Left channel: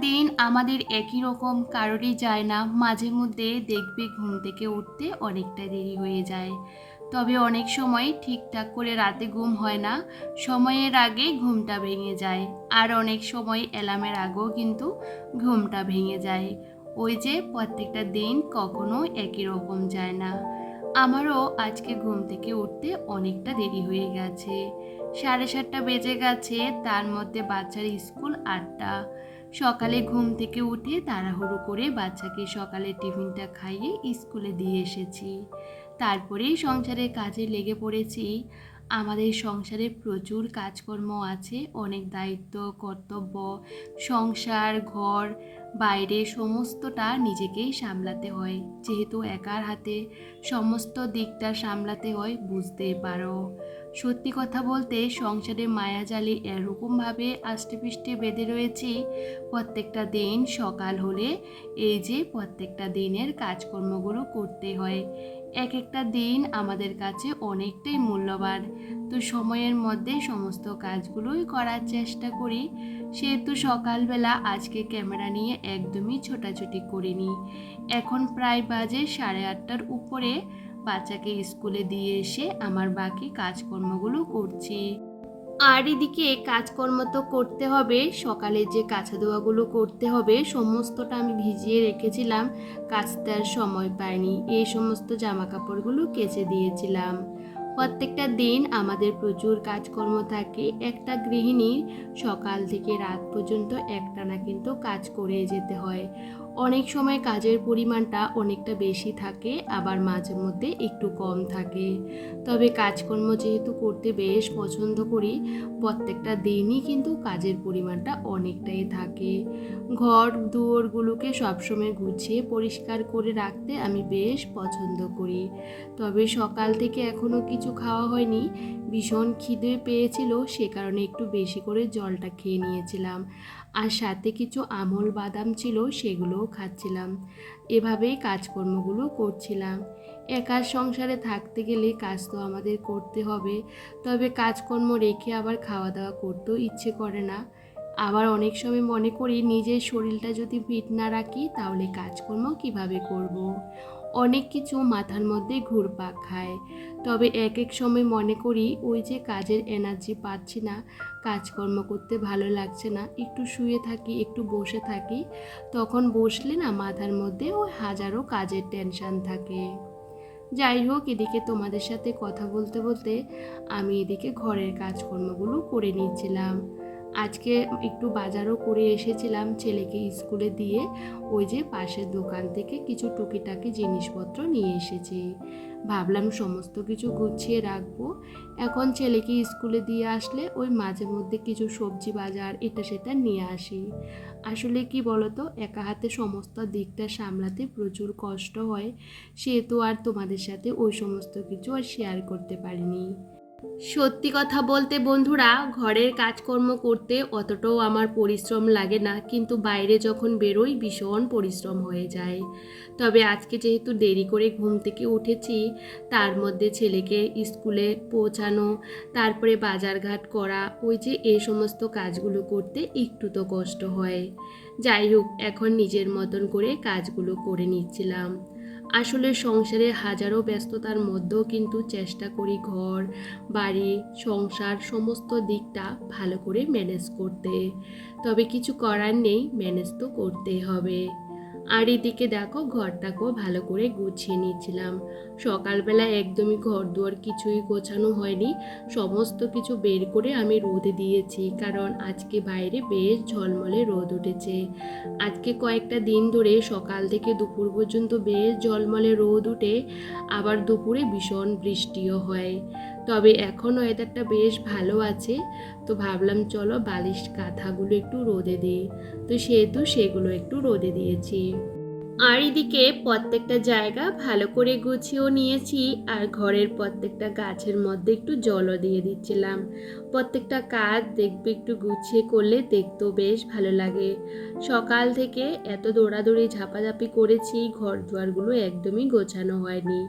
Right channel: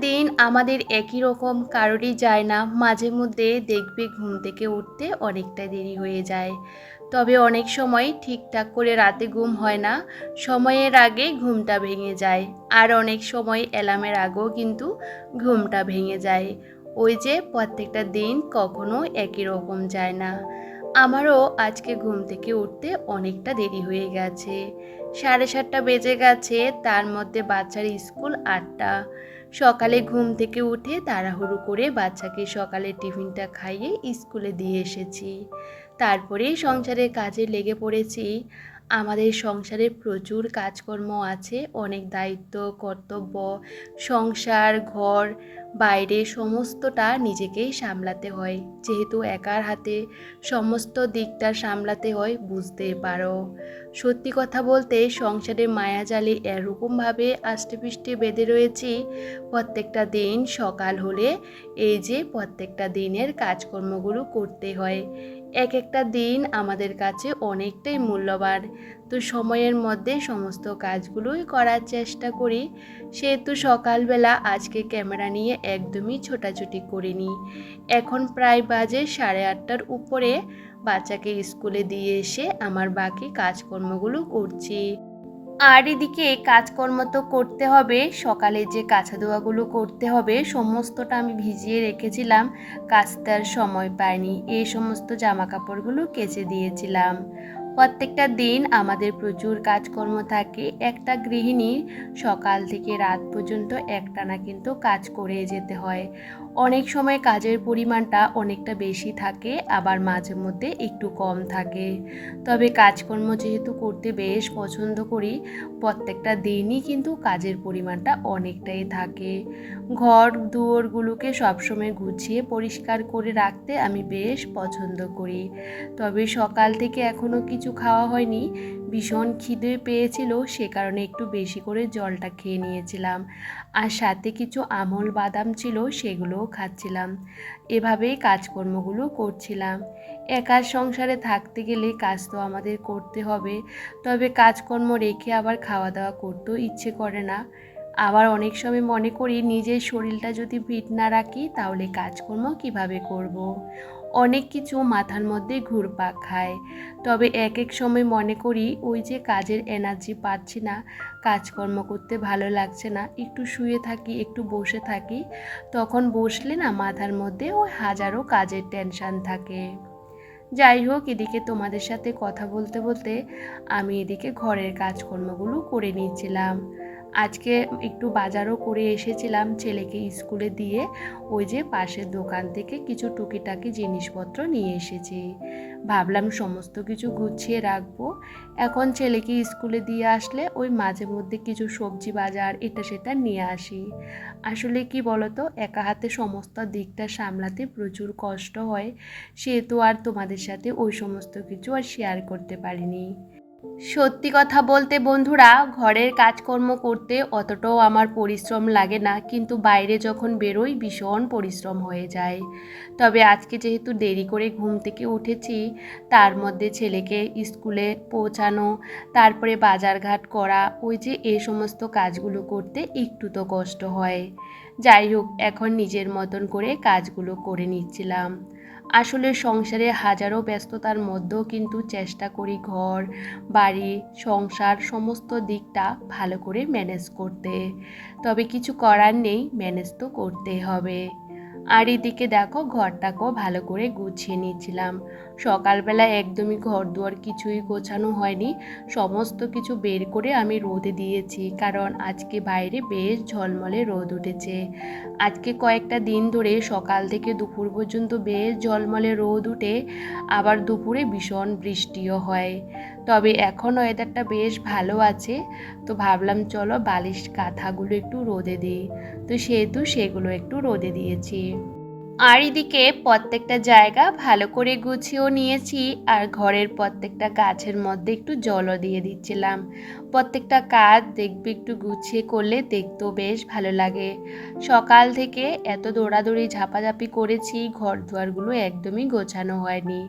দিন আমাদের একই রকম, কারোরই যায় না। মাঝে মধ্যে দেখবে ঘুম থেকে উঠতে অনেকটা দেরি হয়ে যায়। তবে অনেক সময় ঠিকঠাক করে রাতে ঘুম হয় না। সময়ের আগে ঘুমটা ভেঙে যায়। আর অনেক সময় অ্যালার্মের আগেও কিন্তু ঘুমটা ভেঙে যায়। ওই যে প্রত্যেকটা দিন কখনো একই রকম যায় না। আমারও আজকে ঘুম থেকে উঠতে অনেকটা দেরি হয়ে গেছে। সাড়ে সাতটা বেজে গেছে, তার মধ্যে বাচ্চার স্কুল আটটা। সকালে ঘুম থেকে উঠে তাড়াহুড়ো করে বাচ্চাকে সকালে টিফিনটা খাইয়ে স্কুলে দিয়ে এসেছি। তারপরেই সংসারের কাজে লেগে পড়েছি। আমাদের সংসারে প্রচুর কাজকর্ম আছে, অনেক দায়িত্ব, কর্তব্য, সংসার, ঘর বাইরে সমস্তটা নিজেকেই সামলাতে হয়। যেহেতু একার হাতে সমস্ত দিকটা সামলাতে হয় বুঝতেই পারো। সত্যি কথা বলতে সংসারে মায়াজালে এরকমভাবে আষ্টেপৃষ্টে বেঁধে রয়েছি, প্রত্যেকটা দিন সকাল হলে এই যে প্রত্যেকটা দিনের কাজকর্মগুলো করতে হয়। এক একটা দিন আমাদের কাছে অনেকটাই মূল্যবান। তো সময়ের মধ্যে সমস্ত কাজগুলোই করার চেষ্টা করি। সেহেতু সকালবেলা আজকে ক্যামেরা নিয়ে একদমই ছোটাছুটি করিনি। এখন প্রায় বাজে সাড়ে আটটার উপরে বাচ্চাকে স্কুলে দিয়ে এসে আমার বাকি কাজকর্মগুলো করছি। আর এদিকে কাজকর্ম তো করতে হবে, সকালে যে কাছা ধোয়াগুলো করতে হবে সমস্তটা আমি ভিজিয়ে রেখেছিলাম কাচতে সময় পাইনি। এই সমস্ত জামা কাপড়গুলো কেচে দিয়েছিলাম। প্রত্যেকটা দিন আমাদের প্রচুর কাজকর্ম থাকে। একটা গৃহিণী সকাল থেকে রাত পর্যন্ত একটানা কিন্তু কাজ করে যেতে হয়। অনেক সময় কাজের পরিমাণটা অনেকটা বেশি থাকে, আবার মাঝে মধ্যে একটু কম থাকে। তবে কাজকর্ম যেহেতু করতে বেশ পছন্দ করি, প্রত্যেকটা দিনই কিন্তু কাজের পরিমাণটা অনেকটাই থাকে। ঘর দুয়ারগুলোকে সবসময় গুছিয়ে পরিষ্কার করে রাখতে আমি বেশ পছন্দ করি। তবে সকাল থেকে এখনও কিছু খাওয়া হয়নি। ভীষণ খিদে পেয়েছিল, সে কারণে একটু বেশি করে জলটা খেয়ে নিয়েছিলাম। আর সাথে কিছু আমল বাদাম ছিল, সেগুলোও খাচ্ছিলাম। এভাবেই কাজকর্মগুলো করছিলাম। একার সংসারে থাকতে গেলে কাজ তো আমাদের করতে হবে। তবে কাজকর্ম রেখে আবার খাওয়া দাওয়া করতেও ইচ্ছে করে না। আবার অনেক সময় মনে করি, নিজের শরীরটা যদি ফিট না রাখি, তাহলে কাজকর্ম কীভাবে করব। অনেক কিছু মাথার মধ্যে ঘুরপাক খায়। তবে এক এক সময় মনে করি ওই যে কাজের এনার্জি পাচ্ছি না, কাজকর্ম করতে ভালো লাগছে না, একটু শুয়ে থাকি, একটু বসে থাকি, তখন বসলে না মাথার মধ্যে ওই হাজারো কাজের টেনশান থাকে। যাই হোক, এদিকে তোমাদের সাথে কথা বলতে বলতে আমি এদিকে ঘরের কাজকর্মগুলো করে নিচ্ছিলাম। আজকে একটু বাজারও করে এসেছিলাম ছেলেকে স্কুলে দিয়ে। ওই যে পাশের দোকান থেকে কিছু টুকিটাকি জিনিসপত্র নিয়ে এসেছি। ভাবলাম সমস্ত কিছু গুছিয়ে রাখব। এখন ছেলেকে স্কুলে দিয়ে আসলে ওই মাঝে মধ্যে কিছু সবজি বাজার এটা সেটা নিয়ে আসি। আসলে কি বলতো, একা হাতে সমস্ত দিকটা সামলাতে প্রচুর কষ্ট হয়। সেহেতু আর তোমাদের সাথে ওই সমস্ত কিছু আর শেয়ার করতে পারিনি। সত্যি কথা বলতে বন্ধুরা, ঘরের কাজকর্ম করতে অতটাও আমার পরিশ্রম লাগে না, কিন্তু বাইরে যখন বেরোই ভীষণ পরিশ্রম হয়ে যায়। তবে আজকে যেহেতু দেরি করে ঘুম থেকে উঠেছি, তার মধ্যে ছেলেকে স্কুলে পৌঁছানো, তারপরে বাজারঘাট করা, ওই যে এই সমস্ত কাজগুলো করতে একটু তো কষ্ট হয়। যাই হোক, এখন নিজের মতন করে কাজগুলো করে নিচ্ছিলাম। আসলে সংসারে হাজারো ব্যস্ততার মধ্যেও কিন্তু চেষ্টা করি ঘর, বাড়ি, সংসার সমস্ত দিকটা ভালো করে ম্যানেজ করতে। তবে কিছু করার নেই ম্যানেজ তো করতে হবে। আর এদিকে দেখো, ঘরটাকেও ভালো করে গুছিয়ে নিচ্ছিলাম সকালবেলা একদমই ঘর দুয়ার কিছুই গোছানো হয়নি। সমস্ত কিছু বের করে আমি রোদে দিয়েছি, কারণ আজকে বাইরে বেশ ঝলমলে রোদ উঠেছে। আজকে কয়েকটা দিন ধরে সকাল থেকে দুপুর পর্যন্ত বেশ ঝলমলে রোদ উঠে, আবার দুপুরে ভীষণ বৃষ্টিও হয়। তবে এখন ওয়েদারটা বেশ ভালো আছে, তো ভাবলাম চলো বালিশ কাঁথাগুলো একটু রোদে দিই। তো সেহেতু সেগুলো একটু রোদে দিয়েছি। আর এদিকে প্রত্যেকটা জায়গা ভালো করে গুছিয়েও নিয়েছি, আর ঘরের প্রত্যেকটা গাছের মধ্যে একটু জলও দিয়ে দিচ্ছিলাম। প্রত্যেকটা কাজ দেখবে একটু গুছিয়ে করলে দেখতেও বেশ ভালো লাগে। সকাল থেকে এত দৌড়াদৌড়ি, ঝাপাঝাপি করেছি ঘর দুয়ারগুলো একদমই গোছানো হয়নি।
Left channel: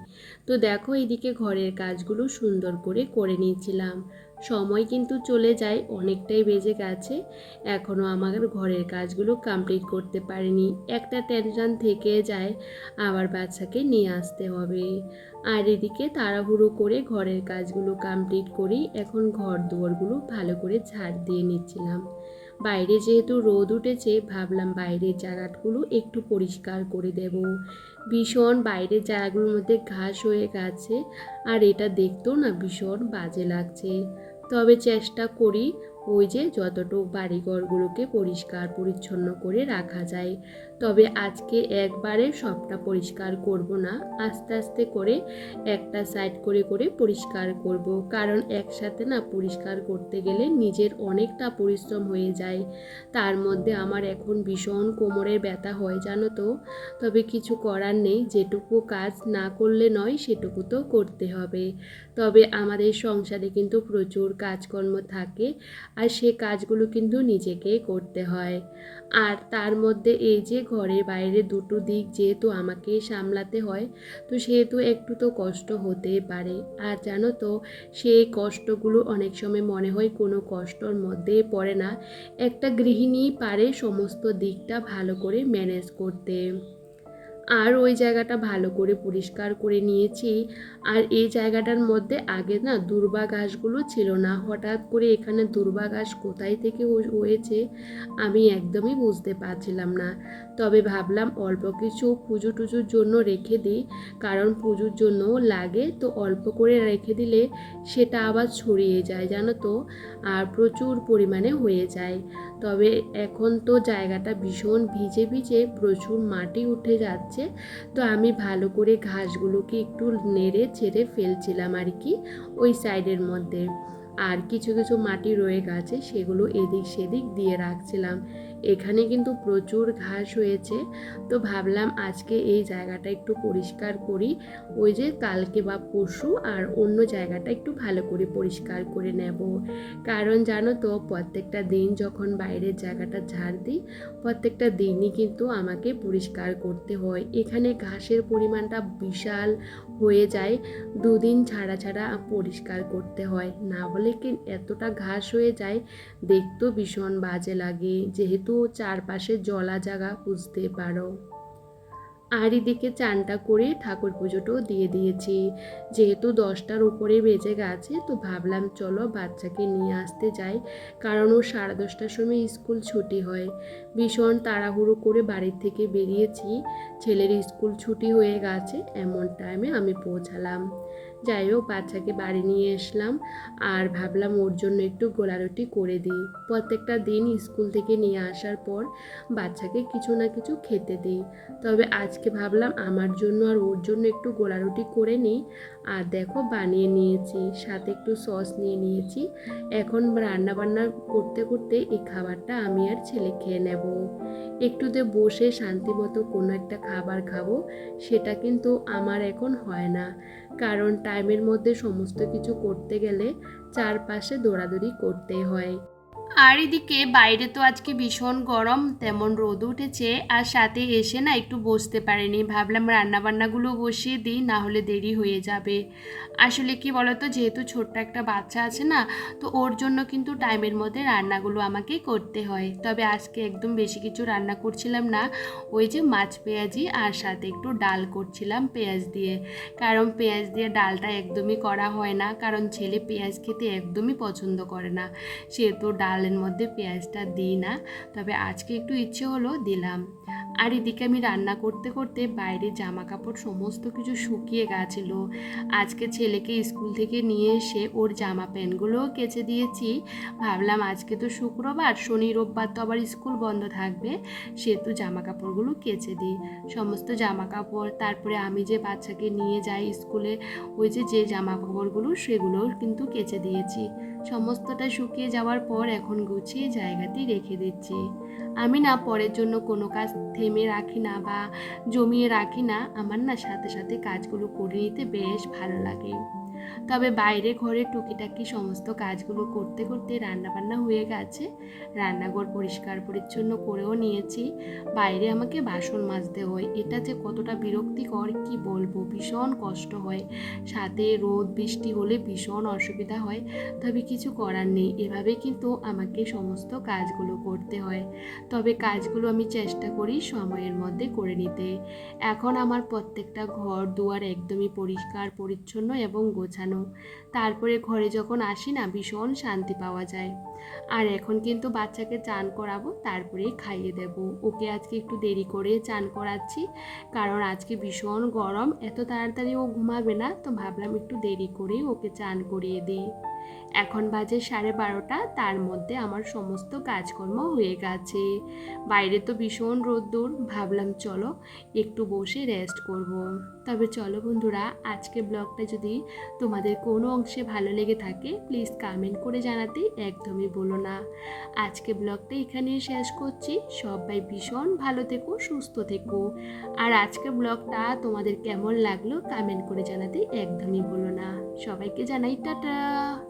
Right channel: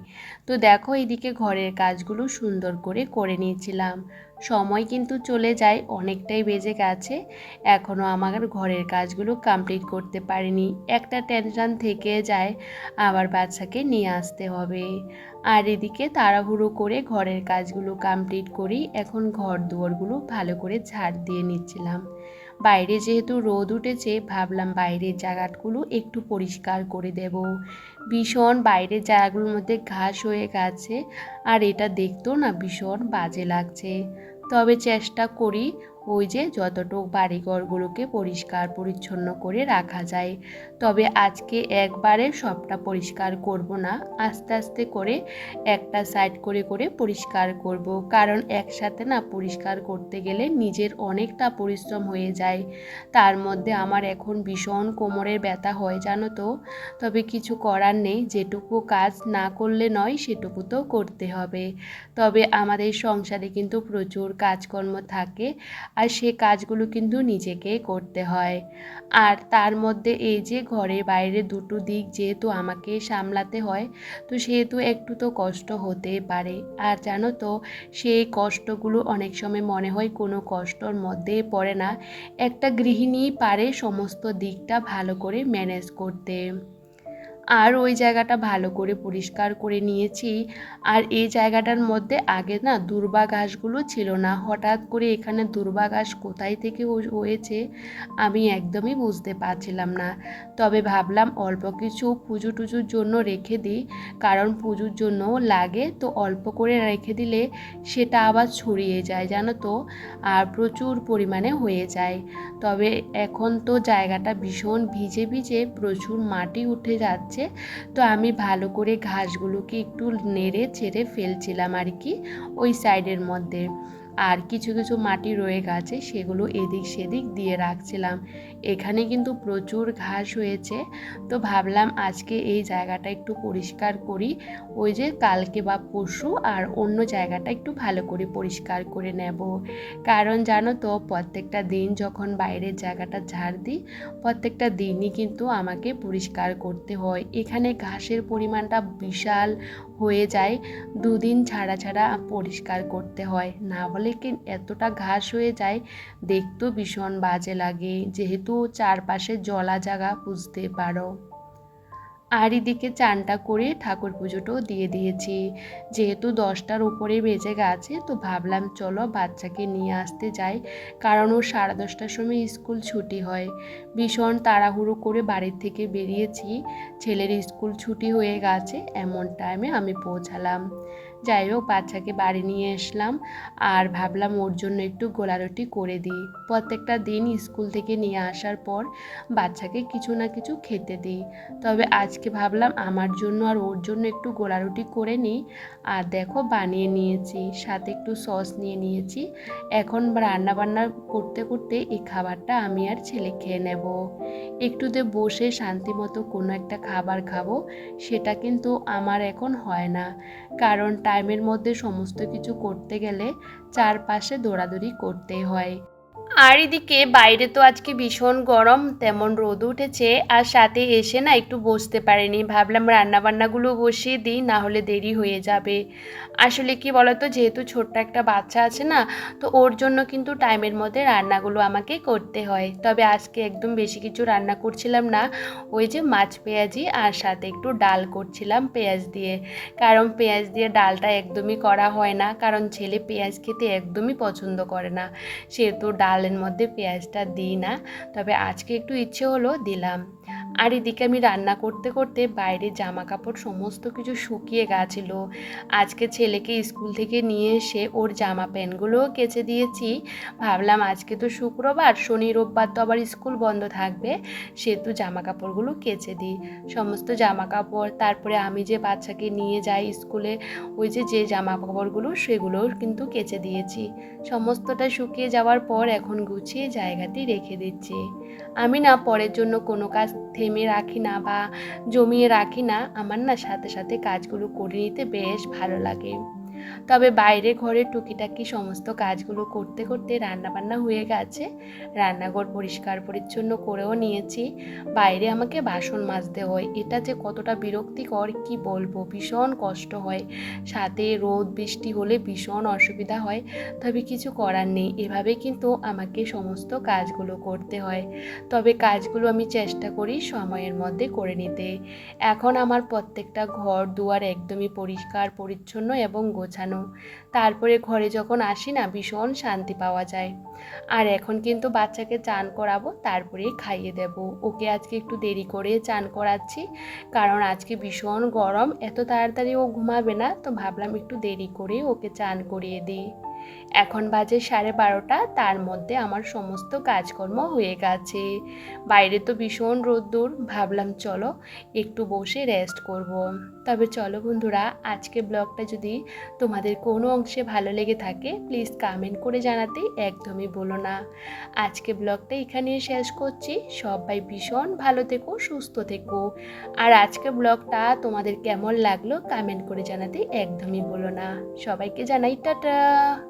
তো দেখো এদিকে ঘরের কাজগুলো সুন্দর করে করে নিয়েছিলাম। সময় কিন্তু চলে যায়, অনেকটাই বেজে গেছে। এখনও আমার ঘরের কাজগুলো কমপ্লিট করতে পারিনি। একটা টেনশন থেকে যায় আবার বাচ্চাকে নিয়ে আসতে হবে। আর এদিকে তাড়াহুড়ো করে ঘরের কাজগুলো কমপ্লিট করি এখন ঘর দুয়ারগুলো ভালো করে ঝাড় দিয়ে নিচ্ছিলাম। বাইরে যেহেতু রোদ উঠেছে, ভাবলাম বাইরের জায়গাগুলো একটু পরিষ্কার করে দেব। ভীষণ বাইরের জায়গাগুলোর মধ্যে ঘাস হয়ে গেছে, আর এটা দেখতেও না ভীষণ বাজে লাগছে। তবে চেষ্টা করি ওই যে যতটুক বাড়িঘরগুলোকে পরিষ্কার পরিচ্ছন্ন করে রাখা যায়। তবে আজকে একবারে সবটা পরিষ্কার করব না। আস্তে আস্তে করে একটা সাইড করে করে পরিষ্কার করব। কারণ একসাথে না পরিষ্কার করতে গেলে নিজের অনেকটা পরিশ্রম হয়ে যায়। তার মধ্যে আমার এখন ভীষণ কোমরের ব্যথা হয়, জানো তো? তবে কিছু করার নেই, যেটুকু কাজ না করলে নয়, সেটুকু তো করতে হবে। তবে আমাদের সংসারে কিন্তু প্রচুর কাজকর্ম থাকে আর সে কাজগুলো কিন্তু নিজেকে করতে হয়। আর তার মধ্যে এই যে ঘরে বাইরে দুটো দিক যেহেতু আমাকে সামলাতে হয়, তো সেহেতু একটু তো কষ্ট হতেই পারে। আর জানো তো, সেই কষ্টগুলো অনেক সময় মনে হয় কোনো কষ্টর মধ্যে পড়ে না। একটা গৃহিণী পারে সমস্ত দিকটা ভালো করে ম্যানেজ করতে। আর ওই জায়গাটা ভালো করে পরিষ্কার করে নিয়েছি। আর এই জায়গাটার মধ্যে আগে না দুর্বা ঘাসগুলো ছিল না। হঠাৎ করে এখানে দুর্বা ঘাস কোথায় থেকে হয়েছে আমি একদমই বুঝতে পারছিলাম না। তবে ভাবলাম অল্প কিছু পুজো টুজোর জন্য রেখে দিই, কারণ পুজোর জন্য লাগে। তো অল্প করে রেখে দিলে সেটা আবার ছড়িয়ে যায়, জানো তো? আর প্রচুর পরিমাণে হয়ে যায়। তবে এখন তো জায়গাটা ভীষণ ভিজে ভিজে, প্রচুর মাটি উঠে যাচ্ছে। তো আমি ভালো করে ঘাসগুলোকে একটু নেড়ে ছেড়ে ফেলছিলাম আর কি ওই সাইডের মধ্যে। আর কিছু কিছু মাটি রয়ে গেছে, সেগুলো এদিক সেদিক দিয়ে রাখছিলাম। এখানে কিন্তু প্রচুর ঘাস হয়েছে। তো ভাবলাম আজকে এই জায়গাটা একটু পরিষ্কার করি। ওই যে কালকে বা পরশু আর অন্য জায়গাটা একটু ভালো করে পরিষ্কার করে নেব। কারণ জানো তো, প্রত্যেকটা দিন যখন বাইরের জায়গাটা ঝাড় দিই, প্রত্যেকটা দিনই কিন্তু আমাকে পরিষ্কার করতে হয়। এখানে ঘাসের পরিমাণটা বিশাল হয়ে যায়। দুদিন ছাড়া ছাড়া পরিষ্কার করতে হয়। না বলে কি এতটা ঘাস হয়ে যায়? দেখতেও ভীষণ বাজে লাগে। যেহেতু চারপাশে জলা জায়গা বুঝতে পারো। আর এদিকে চানটা করে ঠাকুর পুজোটাও দিয়ে দিয়েছি। যেহেতু দশটার উপরে বেজে গেছে, তো ভাবলাম চলো বাচ্চাকে নিয়ে আসতে যাই, কারণ ও সাড়ে দশটার সময় স্কুল ছুটি হয়। ভীষণ তাড়াহুড়ো করে বাড়ির থেকে বেরিয়েছি। ছেলের স্কুল ছুটি হয়ে গেছে, এমন টাইমে আমি পৌঁছালাম। যাই হোক, বাচ্চাকে বাড়ি নিয়ে আসলাম আর ভাবলাম ওর জন্য একটু গোলারুটি করে দিই। প্রত্যেকটা দিন স্কুল থেকে নিয়ে আসার পর বাচ্চাকে কিছু না কিছু খেতে দিই। তবে আজকে ভাবলাম আমার জন্য আর ওর জন্য একটু গোলারুটি করে নিই। আর দেখো, বানিয়ে নিয়েছি, সাথে একটু সস নিয়ে নিয়েছি। এখন রান্না বান্না করতে করতে এই খাবারটা আমি আর ছেলে খেয়ে নেব। একটুতে বসে শান্তি মতো কোনো একটা খাবার খাব, সেটা কিন্তু আমার এখন হয় না। কারণ টাইমের মধ্যে সমস্ত কিছু করতে গেলে চারপাশে দৌড়াদৌড়ি করতে হয়। আর এদিকে বাইরে তো আজকে ভীষণ গরম, তেমন রোদ উঠেছে, আর সাথে এসে না একটু বসতে পারেনি। ভাবলাম রান্নাবান্নাগুলো বসিয়ে দিই, না হলে দেরি হয়ে যাবে। আসলে কি বলতো, যেহেতু ছোট্ট একটা বাচ্চা আছে না, তো ওর জন্য কিন্তু টাইমের মধ্যে রান্নাগুলো আমাকে করতে হয়। তবে আজকে একদম বেশি কিছু রান্না করছিলাম না, ওই যে মাছ পেঁয়াজি আর সাথে একটু ডাল করছিলাম পেঁয়াজ দিয়ে। কারণ পেঁয়াজ দিয়ে ডালটা একদমই করা হয় না, কারণ ছেলে পেঁয়াজ খেতে একদমই পছন্দ করে না। সেহেতু ডালের মধ্যে পেঁয়াজটা দিই না। তবে আজকে একটু ইচ্ছে হলো দিলাম। আর এদিকে আমি রান্না করতে করতে বাইরে জামা কাপড় সমস্ত কিছু শুকিয়ে গেছিল। আজকে ছেলেকে স্কুল থেকে নিয়ে এসে ওর জামা প্যান্টগুলোও কেচে দিয়েছি। ভাবলাম আজকে তো শুক্রবার, শনি, রোববার তো আবার স্কুল বন্ধ থাকবে, সেহেতু জামা কাপড়গুলো কেচে দিই। সমস্ত জামা কাপড় তারপরে আমি যে বাচ্চাকে নিয়ে যাই স্কুলে, ওই যে যে জামা কাপড়গুলো সেগুলোও কিন্তু কেচে দিয়েছি। সমস্তটা শুকিয়ে যাওয়ার পর এখন গুছিয়ে জায়গাতে রেখে দিচ্ছি। আমি না পরের জন্য কোনো কাজ থেমে রাখি না বা জমিয়ে রাখি না, আমার না সাথে সাথে কাজগুলো করে নিতে বেশ ভালো লাগে। তবে বাইরে ঘরে টুকিটাকি সমস্ত কাজগুলো করতে করতে রান্নাবান্না হয়ে গেছে। রান্নাঘর পরিষ্কার পরিচ্ছন্ন করেও নিয়েছি। বাইরে আমাকে বাসন মাজতে হয়। এটা যে কতটা বিরক্তিকর, কি বলব? ভীষণ কষ্ট হয়। সাথে রোদ, বৃষ্টি হলে ভীষণ অসুবিধা হয়। তবে কিছু করার নেই। এভাবে কিন্তু আমাকে সমস্ত কাজগুলো করতে হয়। তবে কাজগুলো আমি চেষ্টা করি সময়ের মধ্যে করে নিতে। এখন আমার প্রত্যেকটা ঘর দুয়ার একদমই পরিষ্কার, পরিচ্ছন্ন এবং গোছানো তারপরে ঘরে যখন আসি না, ভীষণ শান্তি পাওয়া যায়। আর এখন কিন্তু বাচ্চাকে চান করাবো, তারপরেই খাইয়ে দেব। ওকে আজকে একটু দেরি করে চান করাচ্ছি, কারণ আজকে ভীষণ গরম। এত তাড়াতাড়ি ও ঘুমাবে না, তো ভাবলাম একটু দেরি করে ওকে চান করিয়ে দিই। এখন বাজে সাড়ে বারোটা, তার মধ্যে আমার সমস্ত কাজকর্ম হয়ে গেছে। বাইরে তো ভীষণ রোদ্দুর, ভাবলাম চলো একটু বসে রেস্ট করব। তবে চলো বন্ধুরা, আজকে ব্লগটা যদি তোমাদের কোনো অংশে ভালো লেগে থাকে প্লিজ কামেন্ট করে জানাতে একদমই বলো না। আজকে ব্লগটা এখানেই শেষ করছি। সবাই ভীষণ ভালো থেকো, সুস্থ থেকো। আর আজকে ব্লগটা তোমাদের কেমন লাগল কামেন্ট করে জানাতে একদমই বলো না। সবাইকে জানাই, টাটা!